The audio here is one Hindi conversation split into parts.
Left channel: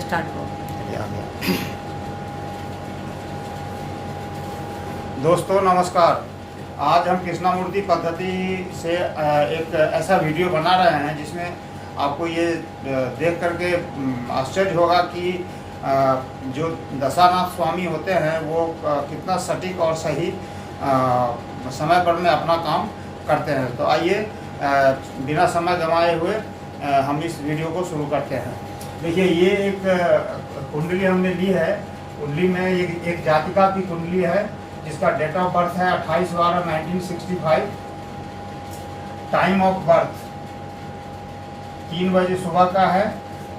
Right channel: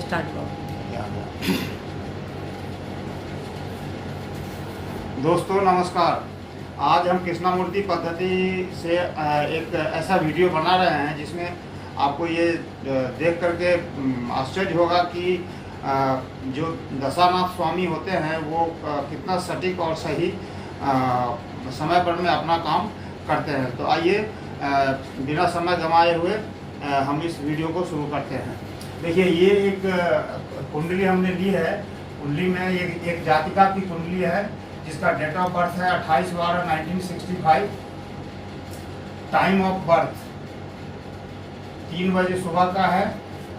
स्टार्ट करो। दोस्तों नमस्कार। आज हम कृष्णामूर्ति पद्धति से एक ऐसा वीडियो बना रहे हैं जिसमें आपको ये देख करके आश्चर्य होगा कि जो दशानाथ स्वामी होते हैं वो कितना सटीक और सही समय पर में अपना काम करते हैं। तो आइए बिना समय गंवाए हुए हम इस वीडियो को शुरू करते हैं। देखिए, ये एक कुंडली हमने ली है। कुंडली में ये एक जातिका की कुंडली है जिसका डेट ऑफ बर्थ है 28/12/1965। टाइम ऑफ बर्थ 3 बजे सुबह का है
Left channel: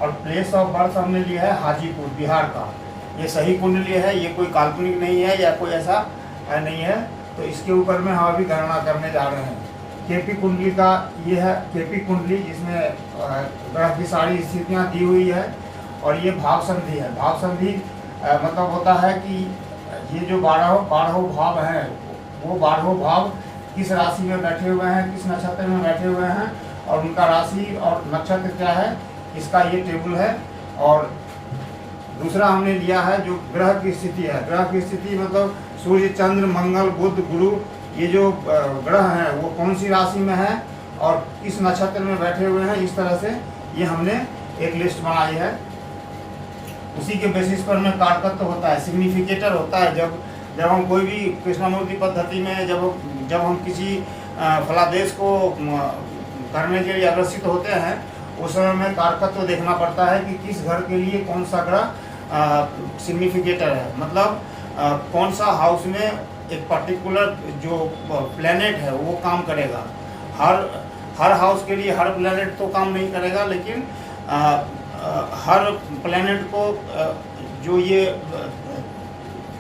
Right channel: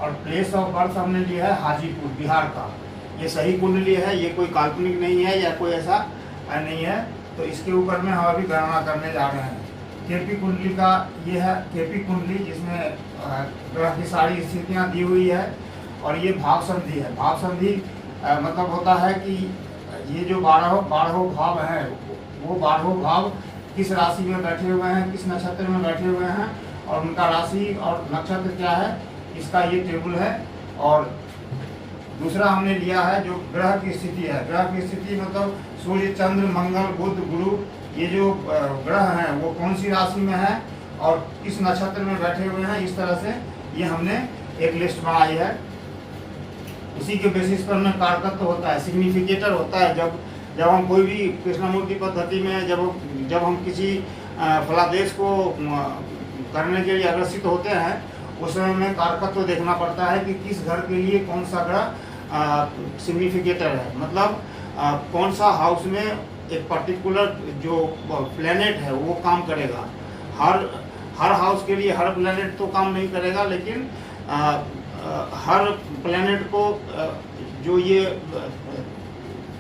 और प्लेस ऑफ बर्थ हमने लिया है हाजीपुर, बिहार का। ये सही कुंडली है, ये कोई काल्पनिक नहीं है या कोई ऐसा नहीं है। तो इसके ऊपर में हम अभी गणना करने जा रहे हैं। केपी कुंडली का ये है केपी कुंडली, जिसमें ग्रह की सारी स्थितियाँ दी हुई है। और ये भाव संधि है। भाव संधि मतलब होता है कि ये जो 12 भाव हैं वो 12 भाव किस राशि में बैठे हुए हैं, किस नक्षत्र में बैठे हुए हैं और उनका राशि और नक्षत्र क्या है, इसका ये टेबल है। और दूसरा हमने लिया है जो ग्रह की स्थिति है। ग्रह की स्थिति मतलब सूर्य, चंद्र, मंगल, बुध, गुरु, ये जो ग्रह हैं वो कौन सी राशि में है और किस नक्षत्र में बैठे हुए हैं। इस तरह से ये हमने एक लिस्ट बनाई है। उसी के बेसिस पर में कारकत्व होता है, सिग्निफिकेटर होता है। जब हम कोई भी कृष्णामूर्ति पद्धति में जब हम किसी फलादेश को करने के लिए अग्रसित होते हैं, उस समय में कारकत्व देखना पड़ता है कि किस घर के लिए कौन सा ग्रह सिग्निफिकेटर है। मतलब कौन सा हाउस में एक पर्टिकुलर जो प्लेनेट है वो काम करेगा। हर हाउस के लिए हर प्लेनेट तो काम नहीं करेगा, लेकिन हर प्लेनेट को जो ये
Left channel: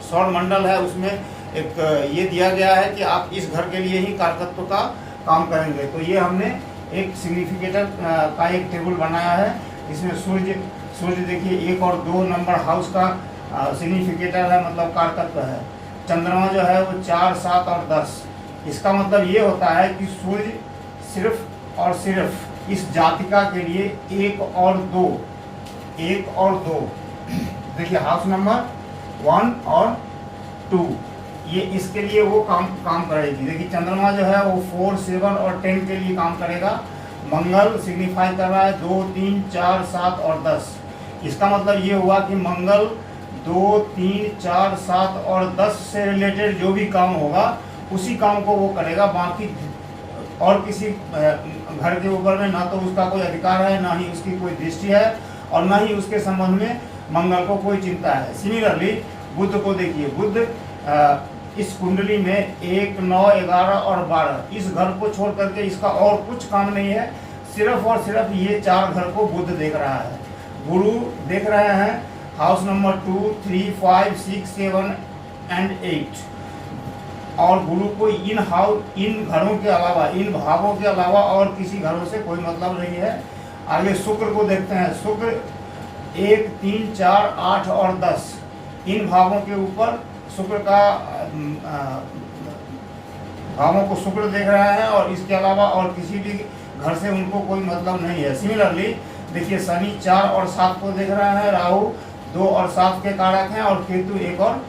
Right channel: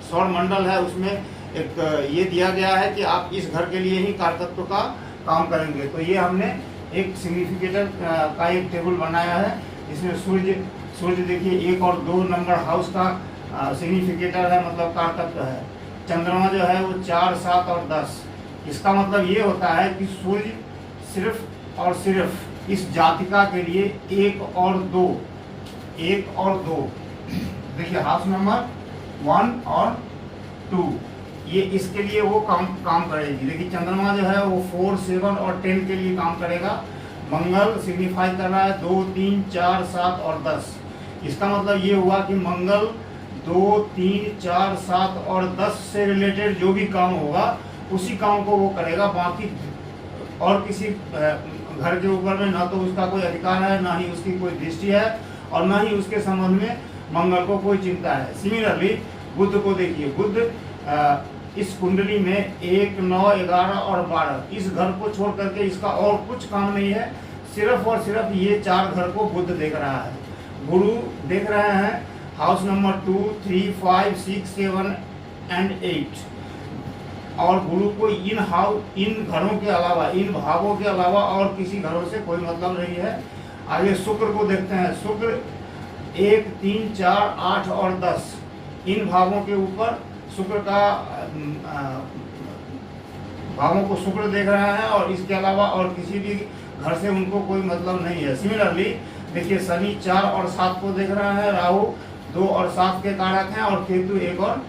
सौर मंडल है उसमें एक ये दिया गया है कि आप इस घर के लिए ही कारकत्व का काम करेंगे। तो ये हमने एक सिग्निफिकेटर का एक टेबल बनाया है। इसमें सूर्य देखिए 1 और 2 नंबर हाउस का सिग्निफिकेटर है, मतलब कारकत्व है। चंद्रमा जो है वो 4, 7 और 10। इसका मतलब ये होता है कि सूर्य सिर्फ और सिर्फ इस जातिका के लिए 1 और 2 देखिए हाउस नंबर 1 और 2 ये इसके लिए वो काम करेगी। देखिए चंद्रमा जो है वो 4, 7 और 10 के लिए काम करेगा। मंगल सिग्निफाई कर रहा है 2, 3, 4, 7 और 10। इसका मतलब ये हुआ कि मंगल 2, 3, 4, 7 और 10 से रिलेटेड जो भी काम होगा उसी काम को वो करेगा। बाकी और किसी घर के ऊपर में ना तो उसका कोई अधिकार है, ना ही उसकी कोई दृष्टि है और ना ही उसके संबंध में मंगल को कोई चिंता है। सिमिलरली बुध को देखिए, बुध इस कुंडली में 1, 9, 11 और 12 इस घर को छोड़ करके इसका और कुछ काम नहीं है। सिर्फ और सिर्फ ये 4 घर को बुध देख रहा है। गुरु देख रहे हैं हाउस नंबर 2, 3, 5, 6, 7 एंड 8। और गुरु को इन घरों के अलावा, इन भावों के अलावा और किसी घरों से कोई मतलब नहीं है। आगे शुक्र को देखते हैं। शुक्र 1, 3, 4, 8 और 10 इन भावों के ऊपर शुक्र का भावों को शुक्र देख रहे हैं और इसके अलावा और किसी भी घर से उनको कोई मतलब नहीं है। सिमिलरली देखिए शनि 4 और 7 को देख रहे हैं। राहु 2 और 7 के कारक हैं और केतु 1 और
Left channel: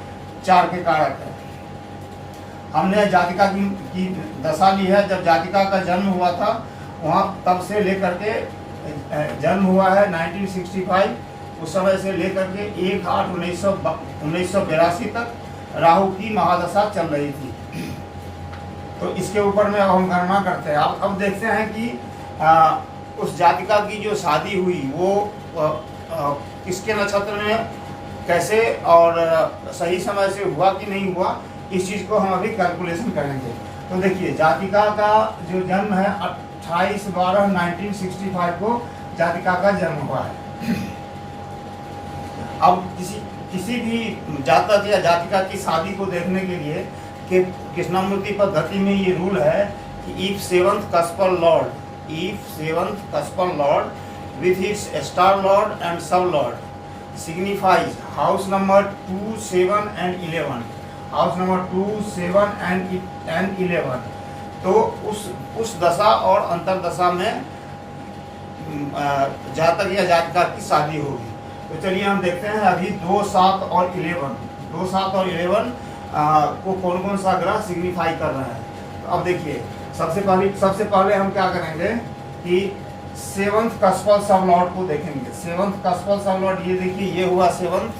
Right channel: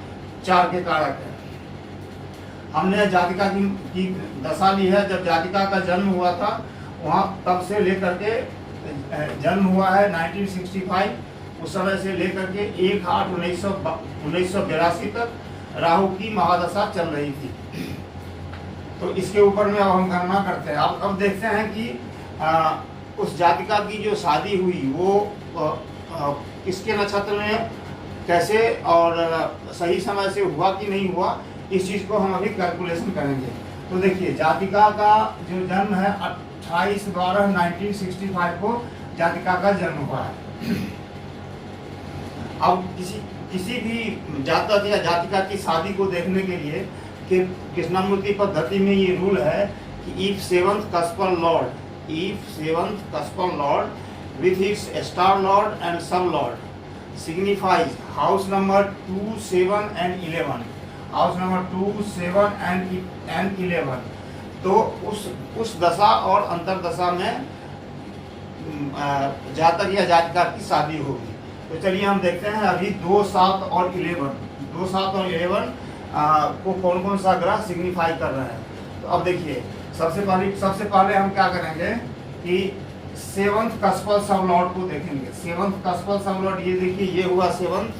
4 के कारक हैं। हमने जातिका की दशा ली है। जब जातिका का जन्म हुआ था वहाँ तब से लेकर के जन्म हुआ है 1965, उस समय से लेकर के 1/8/1982 तक राहु की महादशा चल रही थी। तो इसके ऊपर में अब हम गणना करते हैं। अब देखते हैं कि उस जातिका की जो शादी हुई वो किसके नक्षत्र में कैसे और सही समय से हुआ कि नहीं हुआ, इस चीज़ को हम अभी कैलकुलेशन करेंगे। तो देखिए जातिका का जो जन्म है 28/12/1965 को जातिका का जन्म हुआ है। अब किसी भी जातक या जातिका की शादी को देखने के लिए कि कृष्णामूर्ति पद्धति में ये रूल है कि if 7th cuspal lord with his star lord and sub lord signifies house number 2, 7 and 11, house number 2, 7 and 11, तो उस दशा और अंतर दशा में जातक या जातिका की शादी होगी। तो चलिए हम देखते हैं अभी 2, 7 और 11, 2, 7 और 11 को कौन कौन सा ग्रह सिग्निफाई कर रहे हैं। तो अब देखिए सबसे पहले हम क्या करेंगे कि 7th कस्पल सब लॉर्ड को देखेंगे। 7th कस्पल सब लॉर्ड, ये देखिए ये हुआ 7th,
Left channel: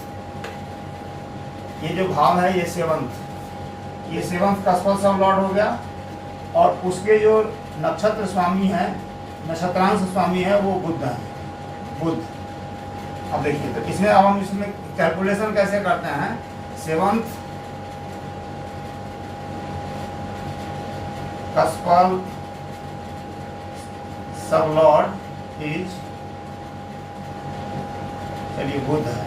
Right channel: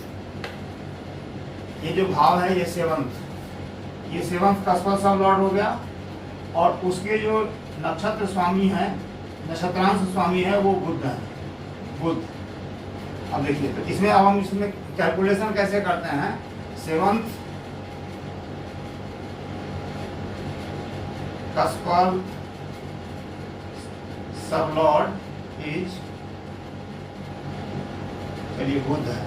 ये जो भाव है ये 7th, ये 7th कस्पल सब लॉर्ड हो गया। और उसके जो नक्षत्र स्वामी है, नक्षत्रांश स्वामी है वो बुध है, बुध। अब देखिए तो इसमें अब हम इसमें कैलकुलेशन कैसे करते हैं। 7th कस्पल सब लॉर्ड इज, चलिए बुध है।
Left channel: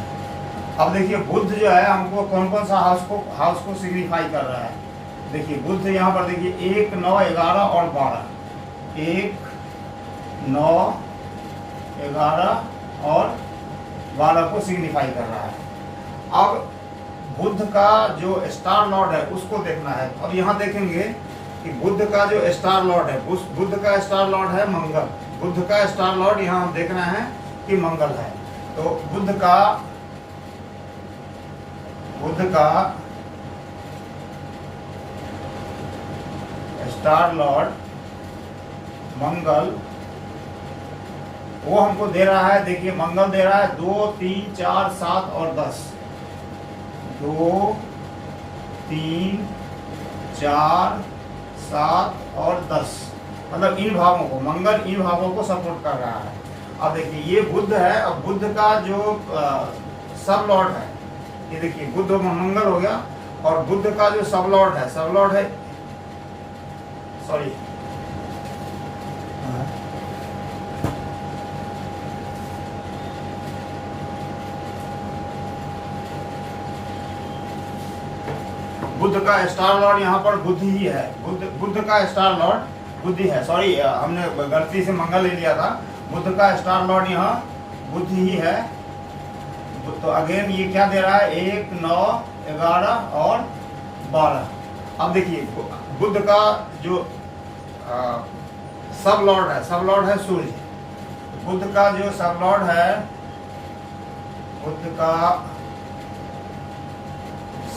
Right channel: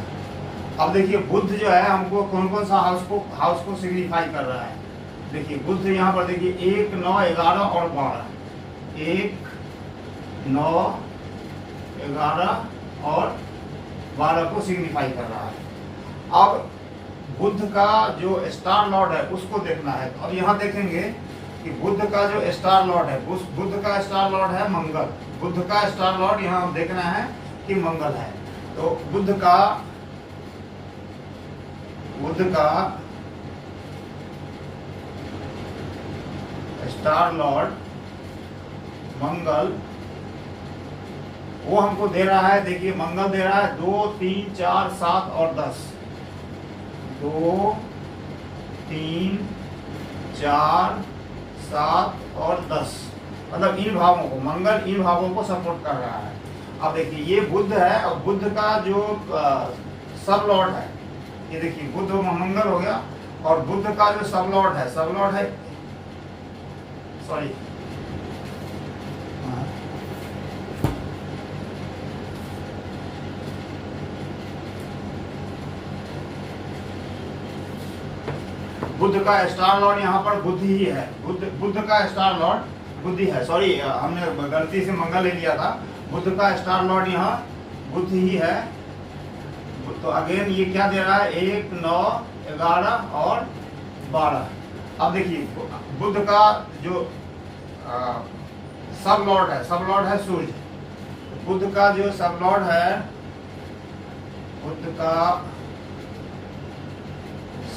अब देखिए बुध जो है हमको कौन कौन सा हाउस को सिग्निफाई कर रहा है। देखिए बुध यहाँ पर देखिए 1, 9, 11 और 12, 1, 9, 11 और 12 को सिग्निफाई कर रहा है। अब बुध का जो स्टार लॉर्ड है उसको देखना है। अब यहाँ देखेंगे कि बुध का जो स्टार लॉर्ड है, उस बुध का स्टार लॉर्ड है मंगल। बुध का स्टार लॉर्ड यहाँ हम देख रहे हैं कि मंगल है। तो बुध का स्टार लॉर्ड मंगल, वो हमको दे रहा है, देखिए मंगल दे रहा है 2, 3, 4, 7 और 10। 2, 3, 4, 7 और 10, मतलब इन भावों को, मंगल इन भावों को सपोर्ट कर रहा है। अब देखिए ये बुध है, और बुध का जो सब लॉर्ड है, ये देखिए बुध मंगल हो गया, और बुध का जो सब लॉर्ड है सॉरी बुध का स्टार लॉर्ड यहाँ पर बुध ही है। बुध का स्टार लॉर्ड बुध ही है, सॉरी हमने गलती से मंगल ले लिया था। बुध का स्टार लॉर्ड यहाँ बुध ही है। तो अगेन ये क्या दे रहा है, 1, 9, 11 और 12। अब देखिए बुध का जो सब लॉर्ड है सूर्य। बुध का जो सब लॉर्ड है, बुध का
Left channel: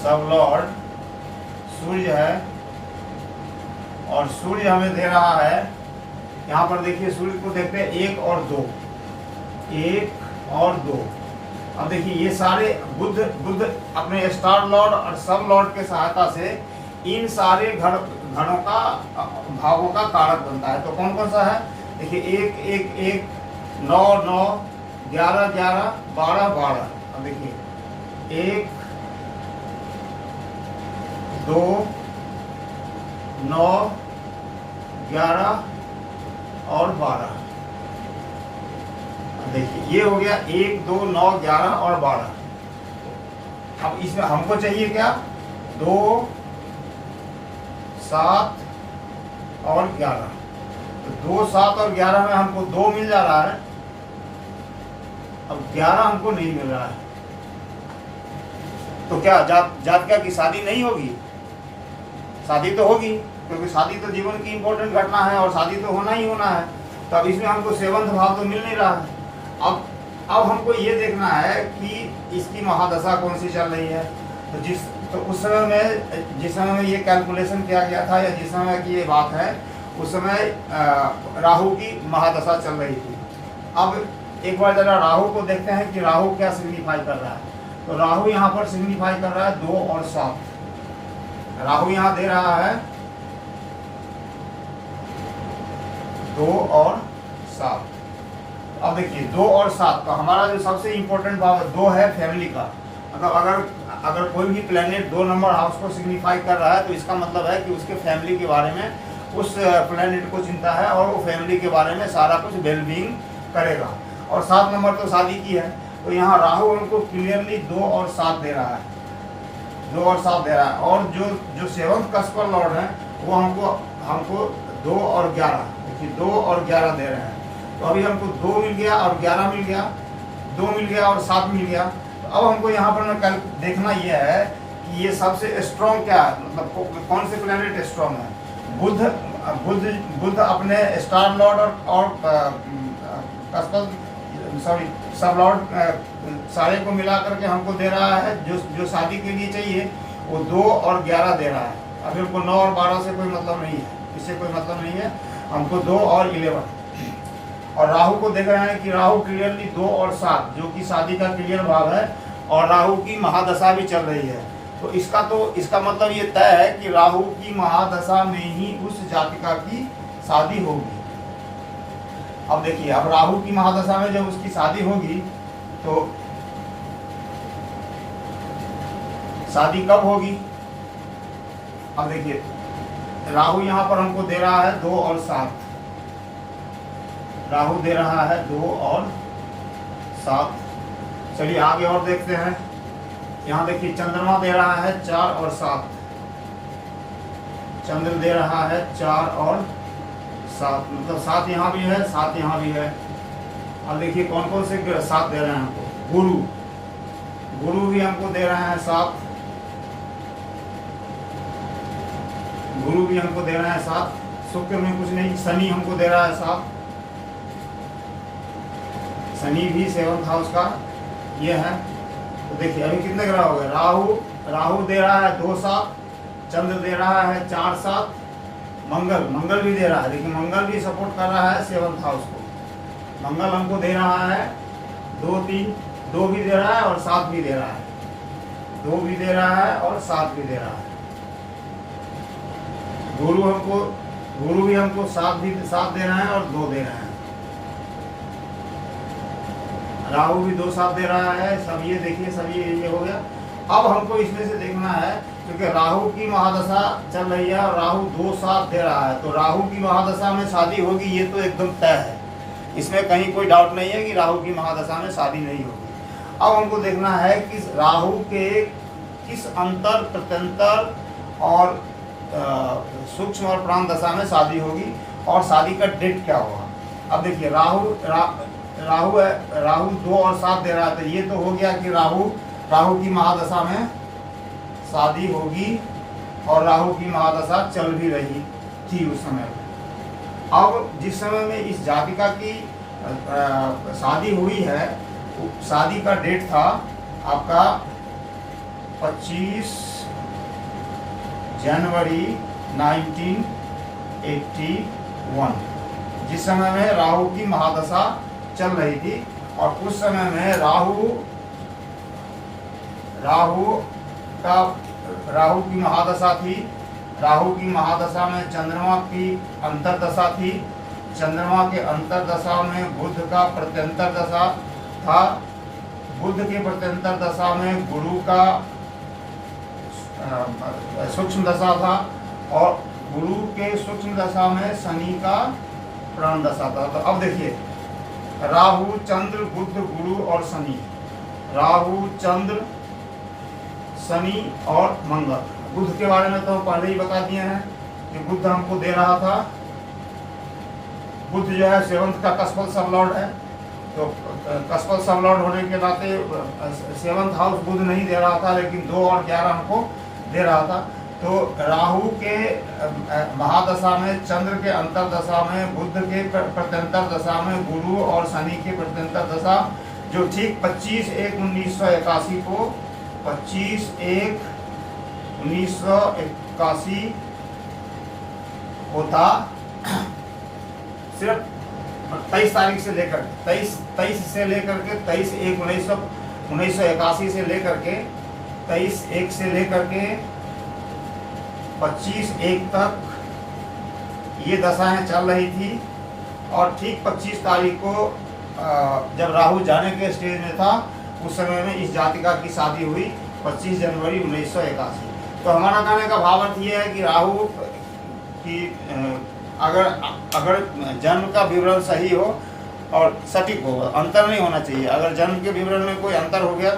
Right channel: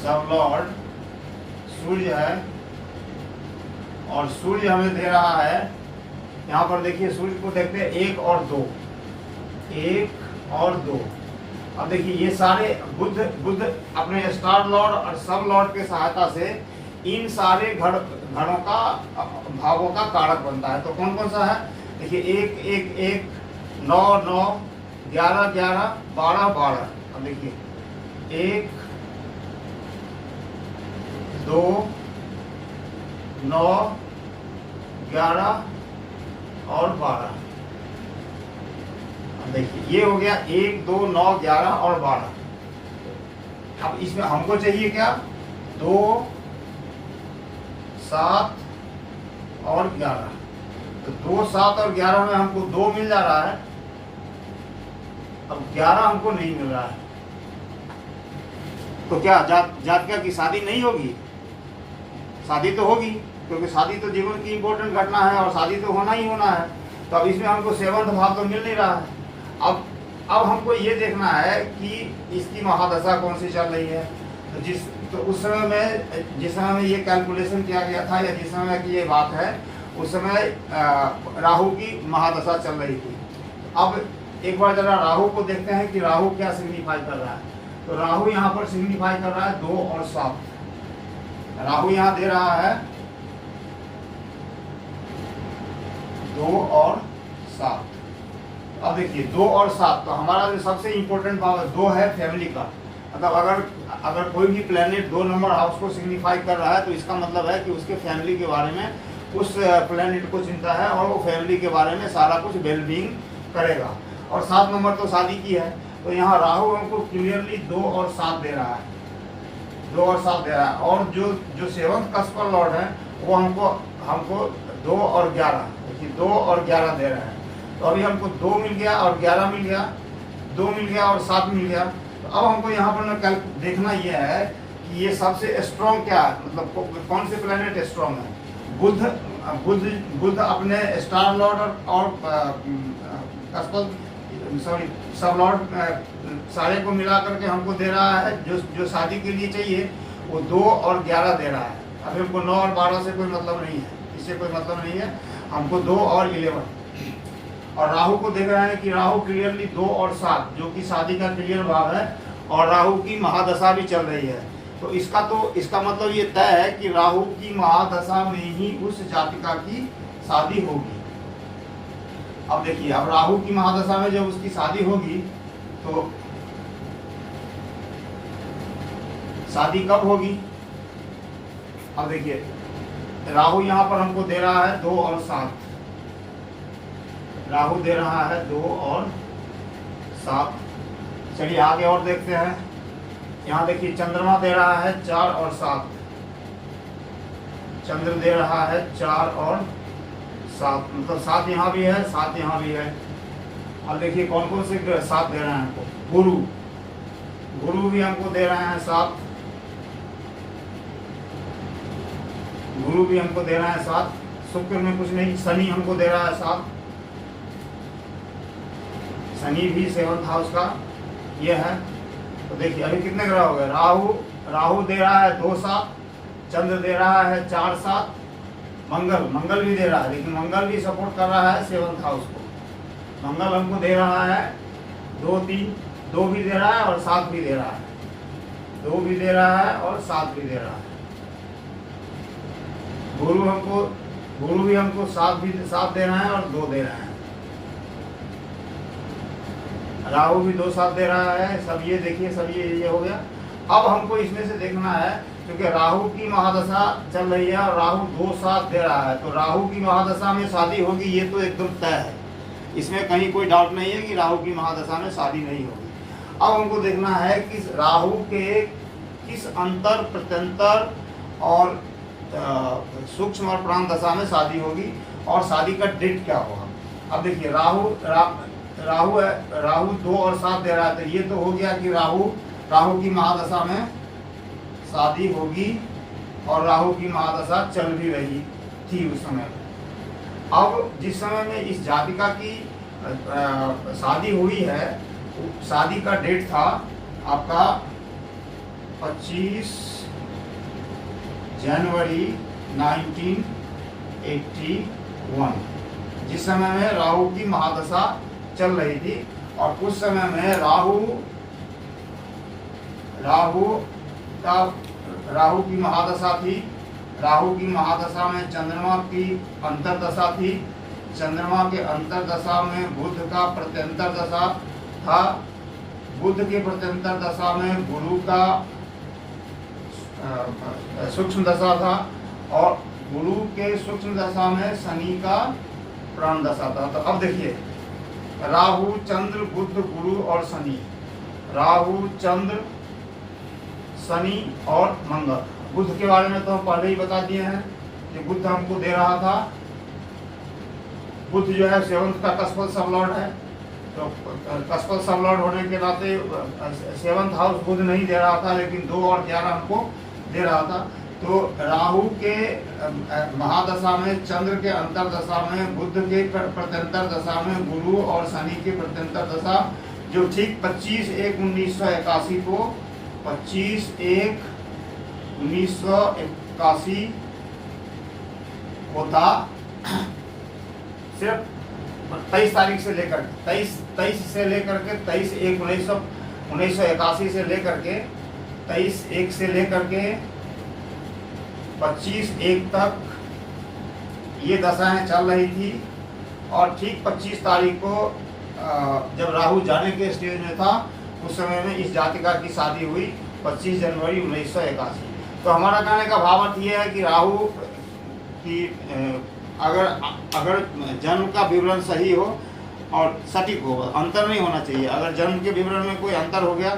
सब लॉर्ड सूर्य है, और सूर्य हमें दे रहा है, यहाँ पर देखिए सूर्य को देखते हैं 1 और 2, 1 और 2। अब देखिए ये सारे बुध अपने स्टार लॉर्ड और सब लॉर्ड के सहायता से इन सारे घरों का भावों का कारक बनता है। तो कौन कौन सा है, देखिए 1, 1, 1, 9, 9, 11, 11, 12, 12। अब देखिए 1, 2, 9, 11 और 12। देखिए ये हो गया 1, 2, 9, 11 और 12। अब इसमें हमको चाहिए क्या, 2, 7 और 11। तो 2, 7 और 11 में हमको 2 मिल जा रहा है, अब 11 हमको नहीं मिल रहा है। तो क्या जातका की शादी नहीं होगी? शादी तो होगी, क्योंकि शादी तो जीवन की इंपॉर्टेंट घटना है और शादी तो होना ही होना है। तो अब इसमें हमको 7th भाव तो मिल नहीं रहा है। अब हमको ये देखना है कि इसकी महादशा कौन सी चल रही है। तो उस समय में जिस समय में ये कैलकुलेशन किया गया था, या जिस समय की ये बात है, उस समय राहु की महादशा चल रही थी। अब एक बार जरा राहु को देखते हैं कि राहु क्या सिग्निफाई कर रहा है। तो राहु यहाँ पर सिग्निफाई कर रहा है 2 और 7। राहु यहाँ दे रहा है 2 और 7। अब देखिए 2 और 7, तो हमारा जो सबसे इम्पोर्टेंट भाव 2 है फैमिली का। मतलब अगर कोई भी प्लेनेट 2 नंबर हाउस को सिग्निफाई कर रहा है, तो इसका मतलब है कि उसके फैमिली के बारे में उस प्लेनेट को चिंता है, और वो फैमिली के बारे में सारा कुछ वेलबींग करेगा। और 7 नंबर तो शादी की है। तो यहाँ राहु हमको क्लियरली 2 और 7 दे रहा है, 2 और 7 दे रहा है। और जो 7th कस्पल लॉर्ड है वो हमको 2 और 11, देखिए 2 और 11 दे रहे हैं। तो अभी हमको 2 मिल गया और 11 मिल गया, 2 मिल गया और 7 मिल गया। तो अब हमको यहाँ पर कल देखना यह है कि ये सबसे स्ट्रॉन्ग क्या है, मतलब कौन से प्लेनेट स्ट्रॉन्ग है। बुध अपने स्टार लॉर्ड और कस्पल सॉरी सब लॉट सारे को मिला करके हमको दे रहा है, जो शादी के लिए चाहिए वो 2 और 11 दे रहा है। अभी हमको 9 और 12 से कोई मतलब नहीं है, इससे कोई मतलब नहीं है, हमको 2 और 11। और राहु को देख रहे हैं कि राहु क्लियरली 2 और 7 जो कि शादी का क्लियर भाव है, और राहु की महादशा भी चल रही है। तो इसका मतलब ये तय है कि राहु की महादशा में ही उस जातिका की शादी होगी। अब देखिए, अब राहु की महादशा में जब उसकी शादी होगी तो शादी कब होगी? अब देखिए, राहु यहाँ पर हमको दे रहा है 2 और 7, राहु दे रहा है 2 और 7। चलिए आगे और देखते हैं। यहाँ देखिए, चंद्रमा दे रहा है 4 और 7, चंद्र दे रहा है 4 और 7, मतलब 7 यहाँ भी है, 7 यहाँ भी है। अब देखिए कौन कौन से 7 दे रहे हैं हमको। गुरु भी हमको दे रहे हैं 7, गुरु भी हमको दे रहे हैं 7। शुक्र में कुछ नहीं, शनि हमको दे रहा है 7, शनि भी 7th हाउस का ये है। तो देखिए अभी कितने ग्रह हो गए। राहु दे रहा है 2 7, चंद्र दे रहा है 4 7, मंगल भी दे रहा है, लेकिन मंगल भी सपोर्ट कर रहा है 7th हाउस को। मंगल हमको दे रहा है 2 3, 2 भी दे रहा है और 7 भी दे रहा है, 2 भी दे रहा है और 7 भी दे रहा है। गुरु भी हमको 7 दे रहे हैं और 2 दे रहे हैं। राहु भी 2 7 दे रहा है। सब ये देखिए, सब ये हो गया। अब हमको इसमें से देखना है, क्योंकि राहु की महादशा चल रही है और राहु 2 7 दे रहा है, तो राहु की महादशा में शादी होगी, ये तो एकदम तय है, इसमें कहीं कोई डाउट नहीं है कि राहु की महादशा में शादी नहीं होगी। अब हमको देखना है कि राहु के किस अंतर प्रत्यंतर और सूक्ष्म और प्राण दशा में शादी होगी और शादी का डेट क्या होगा। अब देखिए, राहु 2 और 7 दे रहा है, तो ये तो हो गया कि राहु की महादशा में शादी होगी और राहु की महादशा चल भी रही थी उस समय। अब जिस समय में इस जातिका की शादी हुई है, शादी का डेट था आपका 25 जनवरी 1981, जिस समय में राहु की महादशा चल रही थी। और उस समय में राहु की महादशा थी। राहु की महादशा में चंद्रमा की अंतर्दशा थी, चंद्रमा के अंतर्दशा में बुध का प्रत्यंतर दशा था, बुध के प्रत्यंतर दशा में गुरु का सूक्ष्म दशा था, और गुरु के सूक्ष्म दशा में शनि का प्राण दशा था। तो अब देखिए, राहु चंद्र बुध गुरु और शनि, राहु चंद्र शनि और मंगल। बुध के बारे में तो पहले ही बता दिए हैं कि बुध हमको दे रहा था, बुध जो है 7th का कस्पल सबलॉर्ड है, तो कस्पल सबलॉर्ड होने के नाते 7th हाउस बुध नहीं दे रहा था, लेकिन 2 और 11 हमको दे रहा था। तो राहु के महादशा में, चंद्र के अंतर्दशा में, बुध के प्रत्यंतर दशा में, गुरु और शनि के प्रत्यंतर दशा, जो ठीक 25/1/1981 को 25/1/1981 होता। सिर्फ 23 तारीख से लेकर 23 से लेकर के 23/1/1981 से लेकर के 23/1 से लेकर के 25/1 तक ये दशाएं चल रही थी। और ठीक 25 तारीख को जब राहु जाने के स्टेज में था, उस समय में इस जातिका की शादी हुई 25 जनवरी 1981। तो हमारा कहने का भाव अर्थ ये है कि राहु की अगर जन्म का विवरण सही हो और सटीक हो, अंतर नहीं होना चाहिए। अगर जन्म के विवरण में कोई अंतर हो गया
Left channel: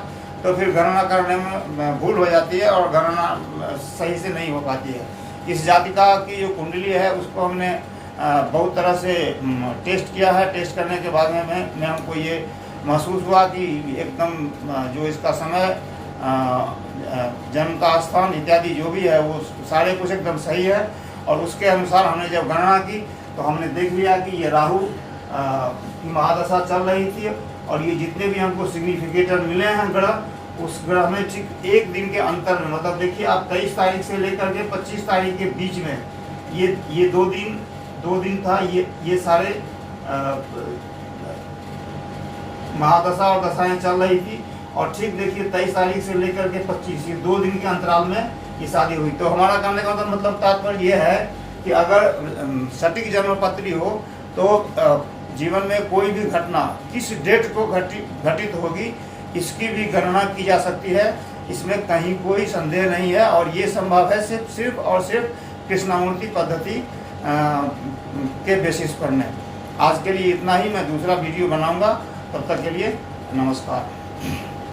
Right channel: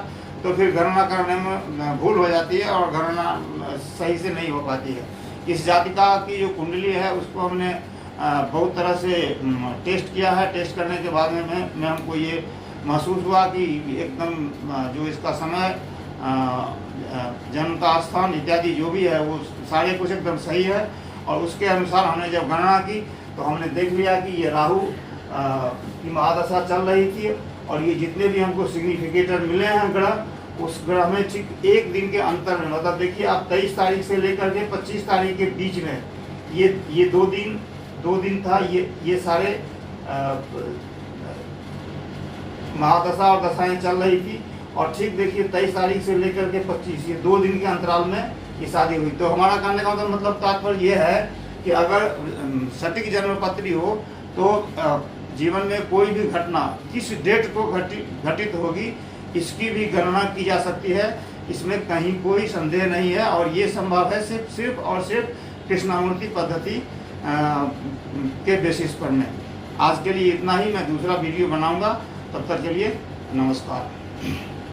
तो फिर गणना करने में भूल हो जाती है और गणना सही से नहीं हो पाती है। इस जातिका की जो कुंडली है उसको हमने बहुत तरह से टेस्ट किया है। टेस्ट करने के बाद में हमको ये महसूस हुआ कि एकदम जो इसका समय, जन्म का स्थान इत्यादि जो भी है वो सारे कुछ एकदम सही है। और उसके अनुसार हमने जब गणना की तो हमने देख लिया कि ये राहु की महादशा चल रही थी, और ये जितने भी हमको सिग्निफिकेटर मिले हैं ग्रह, उस ग्रह में ठीक एक दिन के अंतर में, मतलब देखिए आप 23 तारीख से लेकर के 25 तारीख के बीच में ये दो दिन था, ये सारे महादशा और दशाएं चल रही थी। और ठीक देखिए 23 तारीख से लेकर के 25, ये 2 दिन के अंतराल में ये शादी हुई। तो हमारा कहने का मतलब तात्पर्य ये है कि अगर सटीक जन्मपत्री हो तो जीवन में कोई भी घटना किस डेट को घटित होगी, इसकी भी गणना की जा सकती है, इसमें कहीं कोई संदेह नहीं है। और ये संभव है सिर्फ और सिर्फ कृष्णामूर्ति पद्धति के बेसिस पर में। आज के लिए इतना ही, मैं दूसरा वीडियो बनाऊंगा, तब तक के लिए नमस्कार।